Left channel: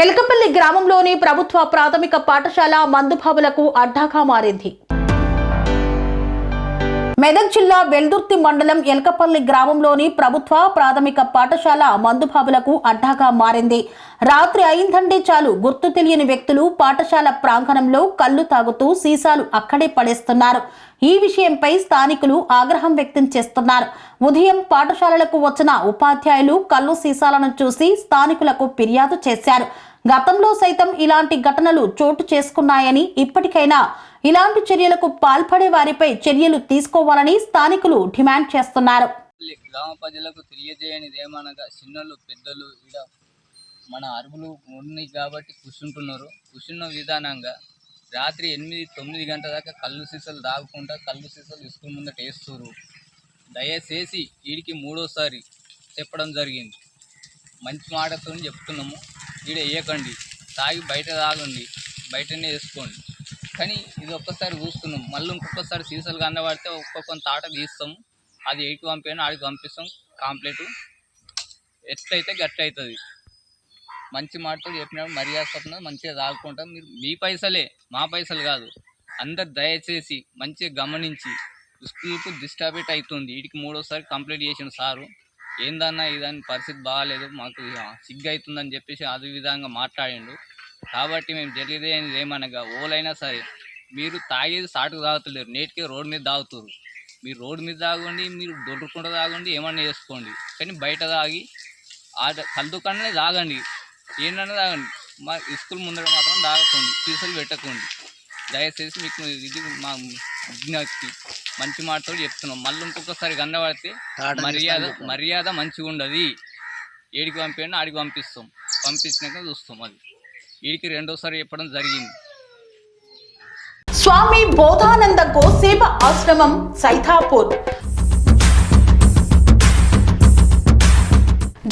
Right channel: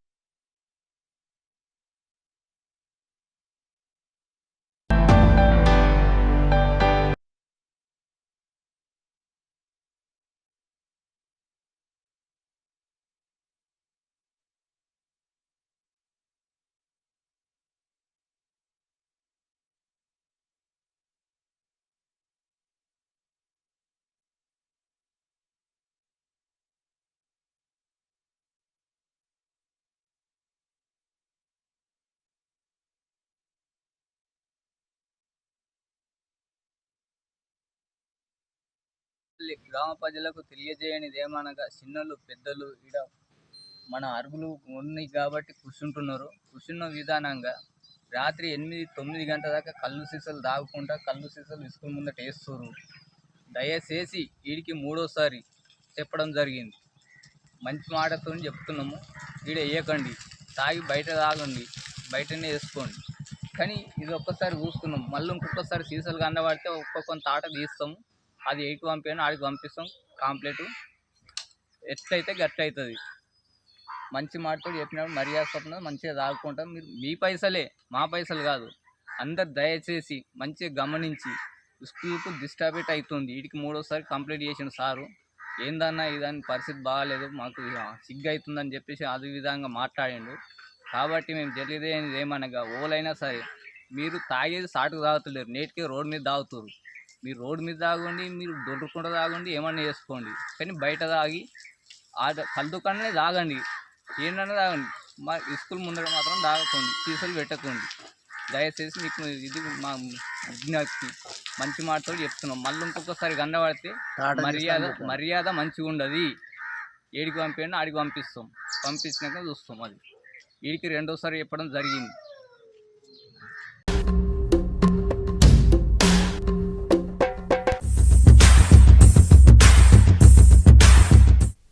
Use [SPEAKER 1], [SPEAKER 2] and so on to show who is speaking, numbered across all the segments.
[SPEAKER 1] ఎలకపల్లి గ్రామంలోని ప్రభుత్వ ప్రాథమిక పాఠశాల మందుబాబులకు అడ్డాగా మారింది. మెదక్ జిల్లా వెల్దుర్తి మండలం ఎల్కపల్లి గ్రామంలోని ప్రభుత్వ ప్రాథమిక పాఠశాల మందుబాబులకు అడ్డాగా మారింది. రాత్రి అయిందంటే చాలు గుర్తు తెలియని వ్యక్తులు పాఠశాల ప్రాంగణంలో కళ్ళు తాగుతూ సీసాలు అక్కడే పడేస్తున్నారు. ఈ విషయంపై స్థానికులు ఆగ్రహం వ్యక్తం చేస్తున్నారు. ఉదయం పాఠశాలలకు వచ్చిన ఉపాధ్యాయులు కళ్ళు సీసాలను చూసి స్థానికులకు ఫిర్యాదు చేశారు. గతంలో సైతం ఇలాంటి ఘటనలు చోటు చేసుకున్నాయని ఇప్పటికైనా ఇలాంటి చర్యలకు పాల్పడే వారిపై చర్యలు తీసుకోవాలని స్థానికులు డిమాండ్ చేస్తున్నారు.
[SPEAKER 2] గ్రామ ప్రజలకు తెలియజేయనిది ఏమనగా చిన్నలు పెద్దలు ఇడ మన అరుగులు ఉన్నాయి కాబట్టి కూర్చుంటున్నారు. కూర్చున్న విధానంగా రాత్రి ఎనిమిది తొమ్మిది గంటల దాకా కళ్ళు సీసాలు తాగకుండా కళ్ళు సీసాలు స్కూల్ ముందట వేస్తున్నారు దయచేసి వీడికి మూడోసారి చెప్పడం జరిగింది. మంచి మాటతో చెప్తున్నాము. ఈడ వేయకండి. తాగి బయట తాగండి. బయటనే వేసుకోండి. కానీ ఇది ఒక్కసారి చూస్తున్నాం. మళ్ళీ ఇంకొకసారి సీసాలు కనబడితే ఒక్కొక్క తాట తీస్తాము అది ఎయిట్ పంపాను ఆడికి పంపిస్తాం. కాంప్లీట్. ఎట్లయితే గట్టి అవుతుంది మంచి మాటతో చెప్పినప్పుడు మర్యాద స్వప్న మంచిగా తాగుకుంటాం. మీరు మీ పైసలే మా పైసలు కాదు. అందరు దయచేసి మంచిగా గమనించి స్కూల్కు డిస్టర్బేట్ అవుతుంది వీటికి మూడోసారి కంప్లీట్ చేసిన సారు. ఏందన్నా ఇదని పరిస్థితి బాగాలేదు మాకు ఇక సిగ్గు అవుతుందని చెప్పేసి అది విధంగా మాట్లాడిండు. కాబట్టి మేము తెలియదేది ఏమనగా ఓలైనా సరే మీరు తాగేది సాటుకు తాగుతలేరు నేటికి రోడ్డు మీద తాగుతారు మీరు రోడ్డు మీద తాగండి మీరు దొరుకుంటూ తాగండి ఏమన్నా చేసుకోండి. కానీ బయట తాగి ఆ తాగండి. ఏంటన్నా తాగండి. మా స్కూల్ ముందర మాత్రం తాగకండి సీసాలు పెట్టకండి. దయచేసి మీకు ఇది మా విజ్ఞప్తి. మంచి మాటతో చెప్తున్నాం. మళ్ళీ ఇంకొకసారి గండబడితే మర్యాద మర్యాద మంచిగా ఉండదు. ఏడికి పంపించండి ఆడికి పంపిస్తాం. పంపించినాక చూస్తాం అది. వీడికి రెండోసారి చెప్పడం జరిగింది.
[SPEAKER 1] స్వామి బోధానంద గోసేవ ఆశ్రమం సైథాపూర్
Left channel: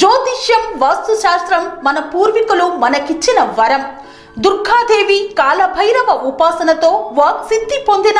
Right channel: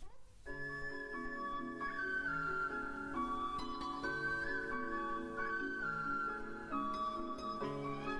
[SPEAKER 1] జ్యోతిష్యం వాస్తుశాస్త్రం మన పూర్వీకులు మనకిచ్చిన వరం. దుర్గాదేవి కాలభైరవ ఉపాసనతో వాక్సిద్ధి పొందిన